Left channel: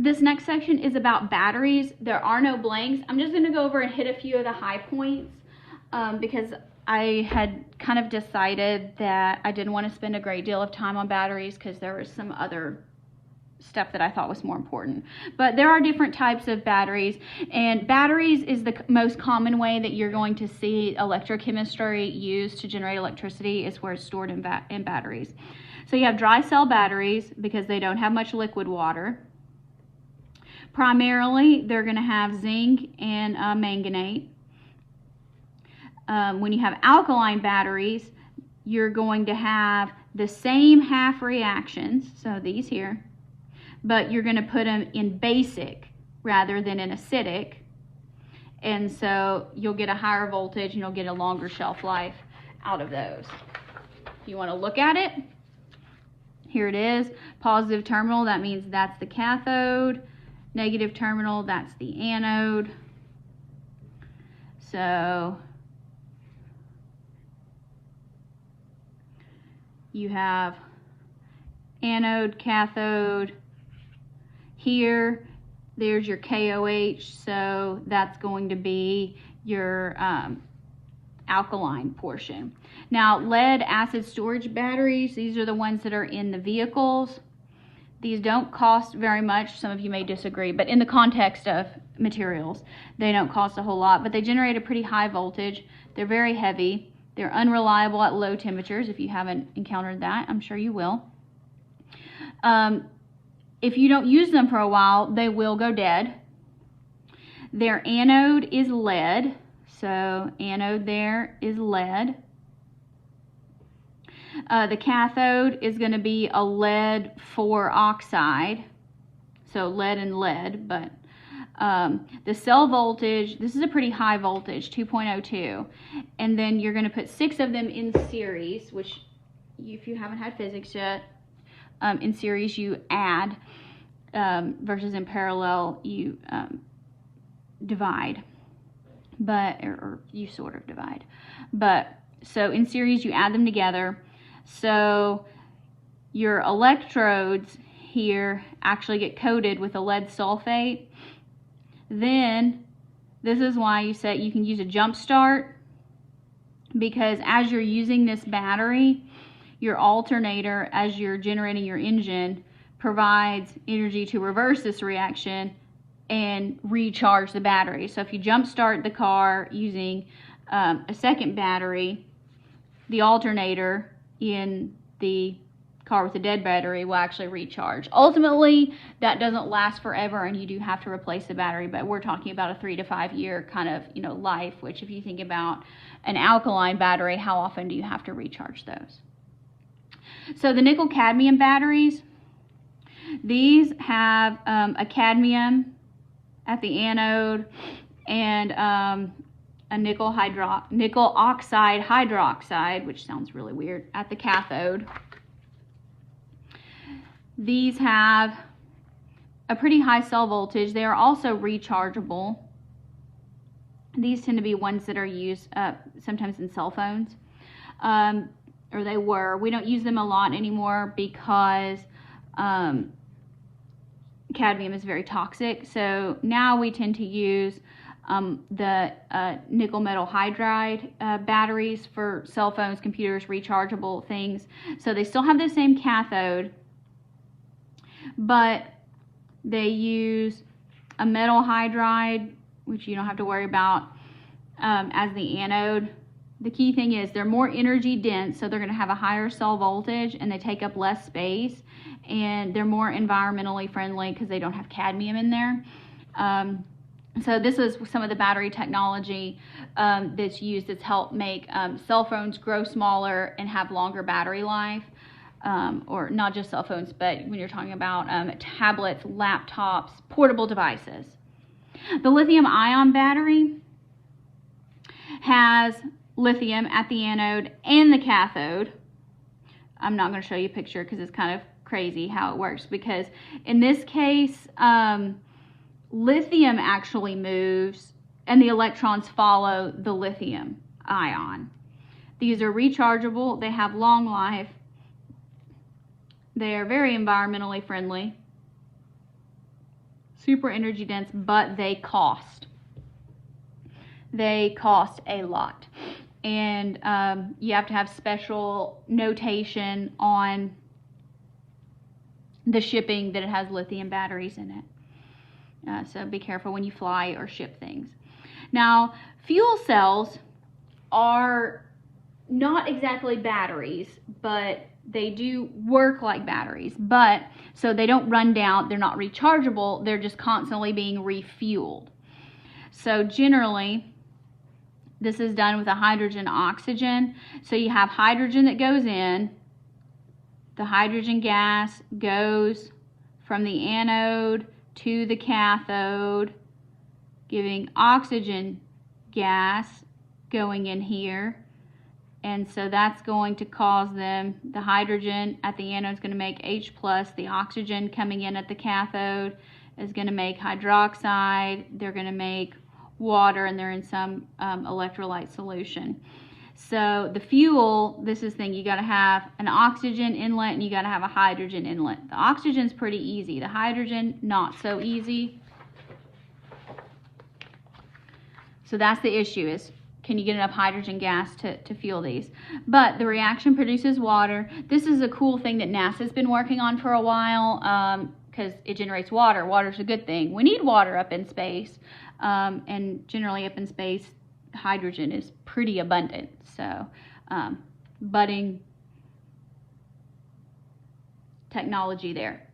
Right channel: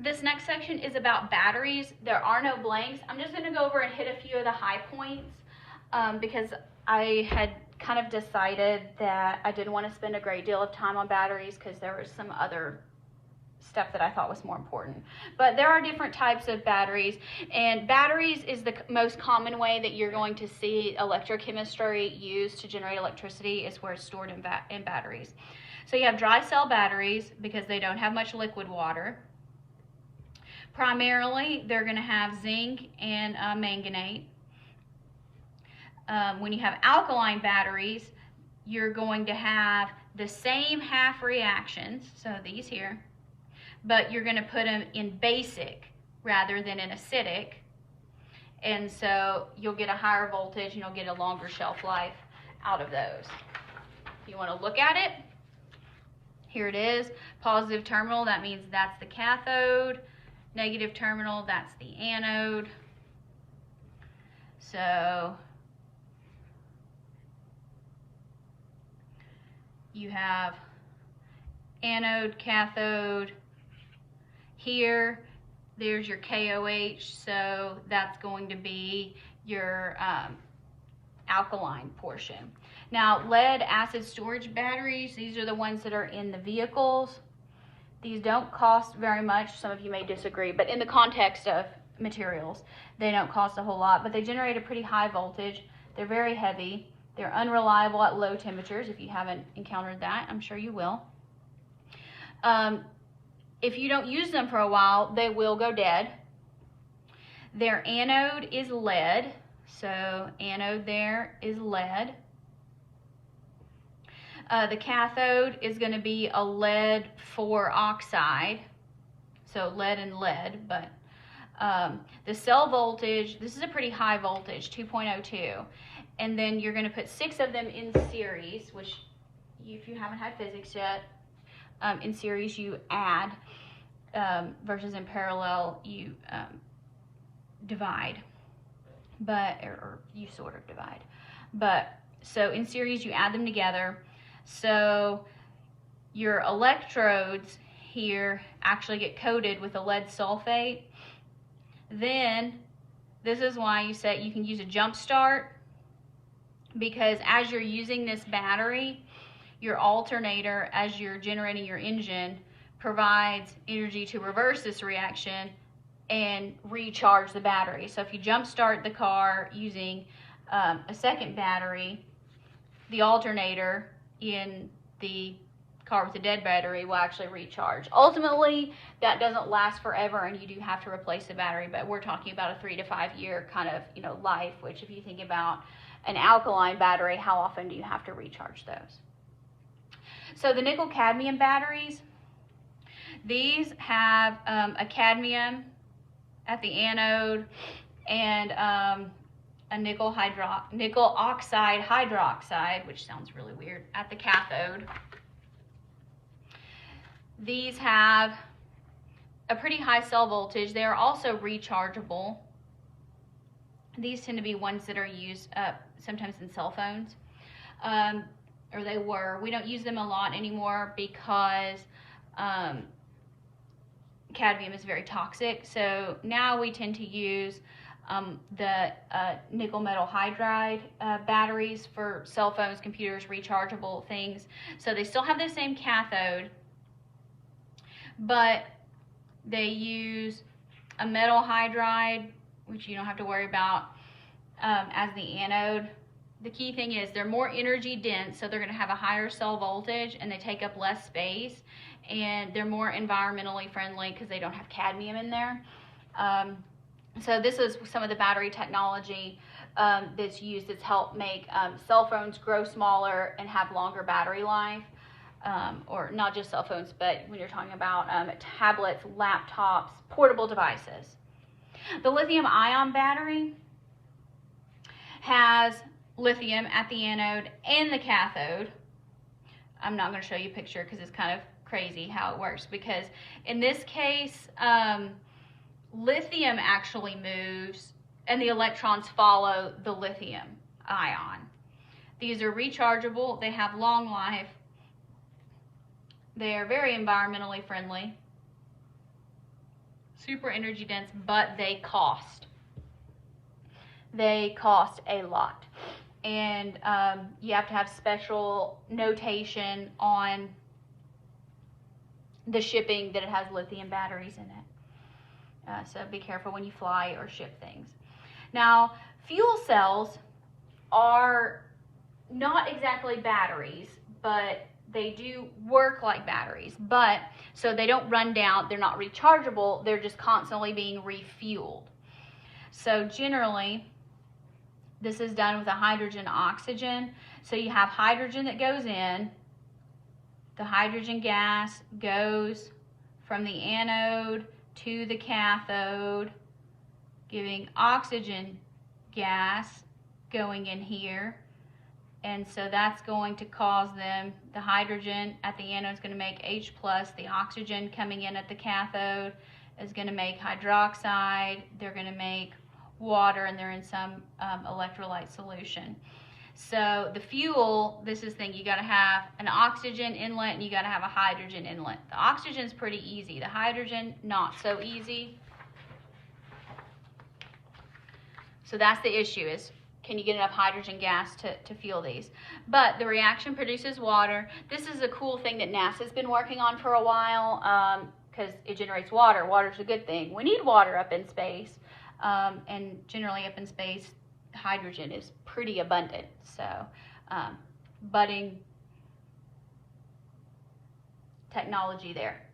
This next section is about batteries. There are no blanks. I'm just going to go over and hit a few of the high points because I had kind of decided that I didn't want to spend a great deal of time on batteries because there was some other stuff that I thought was more important. But there are different types of batteries, and batteries is the most common way that you're going to see electrochemistry used to generate electricity, is where it's stored in batteries. So you have dry cell batteries because they don't have much liquid water. Primarily, they're going to have zinc and manganate. When you have alkaline batteries, you're going to have the same half reactions, so these here, but you're going to put them in basic rather than in acidic, and so you'll get a higher voltage and you'll get a longer shelf life out of those. If you want to look at it, here it is. Positive terminal, that means that's the cathode. Negative terminal, that's the anode. So you have anode, cathode. Here, there's your KOH, so that's going to be your alkaline portion. Now, lead acid storage batteries, these are the ones that are in the vehicles. These don't cost very much. Some of you may disagree, but in the context of materials, they don't cost a whole lot, but they generate a pretty high voltage. They're very heavy. They're unreliable at low temperatures. If you haven't encountered that, I'm sure you will. If you don't use them for a while, they will go dead. Their anode is lead, so anode there is lead. The cathode is going to be a lead 4 oxide, so lead and lead, but the cell voltage, this is a pretty high voltage, 2.02, and then you're going to put 6 of them in series, which if you haven't had physics yet, in series you add, versus in parallel you divide, or you sort of divide. But so in series you add them together. So your electrodes here actually get coated with a lead sulfate. Then this is why you say you can use a jump start, because as you're using this battery, your alternator, as you're generating your engine, provides energy to reverse this reaction and recharge the battery. So if you jump start the car using a second battery, the alternator in the car with a dead battery will actually recharge. Ultimately, that doesn't last forever, and you do have to replace the battery, but we're talking about a 3 to 5 year kind of, life, which if you think about an alkaline battery, how often do you have to recharge those? So the nickel cadmium batteries, these have a cadmium at the anode and a nickel oxide hydroxide, which sounds really weird, at the cathode. These have a pretty high cell voltage. They are also rechargeable. These tend to be ones that are used sometimes in cell phones, or they were. We don't use them a lot anymore because cadmium is very toxic. So now we tend to use the nickel metal hydride batteries for cell phones, computers, rechargeable things. So they still have the same cathode, but they use a metal hydride, which you don't have to worry about, as the anode. The key thing is they're more energy dense, so they're going to have a higher cell voltage and they take up less space, and they're more environmentally friendly because they don't have cadmium in there. So this is some of the battery technology that's used that's helped make cell phones grow smaller and have longer battery life. Or not just cell phones, but when you're talking about tablets, laptops, portable devices. The lithium ion battery has lithium at the anode and the cathode. I'm not going to show you a picture because it's kind of crazy how it works, because in this case, lithium actually moves and the electrons follow the lithium ion. These are rechargeable, they have long life, they are very environmentally friendly, super energy dense, but they cost. They cost a lot. And you have to have special notation on the shipping that it has lithium batteries in it. So be careful when you fly or ship things. Now, fuel cells are not exactly batteries, but they do work like batteries. But so they don't run down, they're not rechargeable, they're just constantly being refueled. So generally, this is done with a hydrogen oxygen. So you have hydrogen that goes in, the hydrogen gas goes from the anode to the cathode, giving oxygen gas going in here. And so that's going to cause them, the hydrogen at the anode is going to make H+, the oxygen coming in at the cathode is going to make hydroxide, they're going to make water, and they're in some electrolyte solution. So the fuel, this is the thing, you got to have an oxygen inlet and you got to have a hydrogen inlet. The oxygen's pretty easy, the hydrogen not so easy. So that's the issue, is can you get enough hydrogen gas to fuel these? But the reaction produces water. This is a cool thing that NASA's been working on for a while, because it generates water. Water's a good thing. We need water up in space, and generally up in space, hydrogen is pretty abundant. So budding technology there.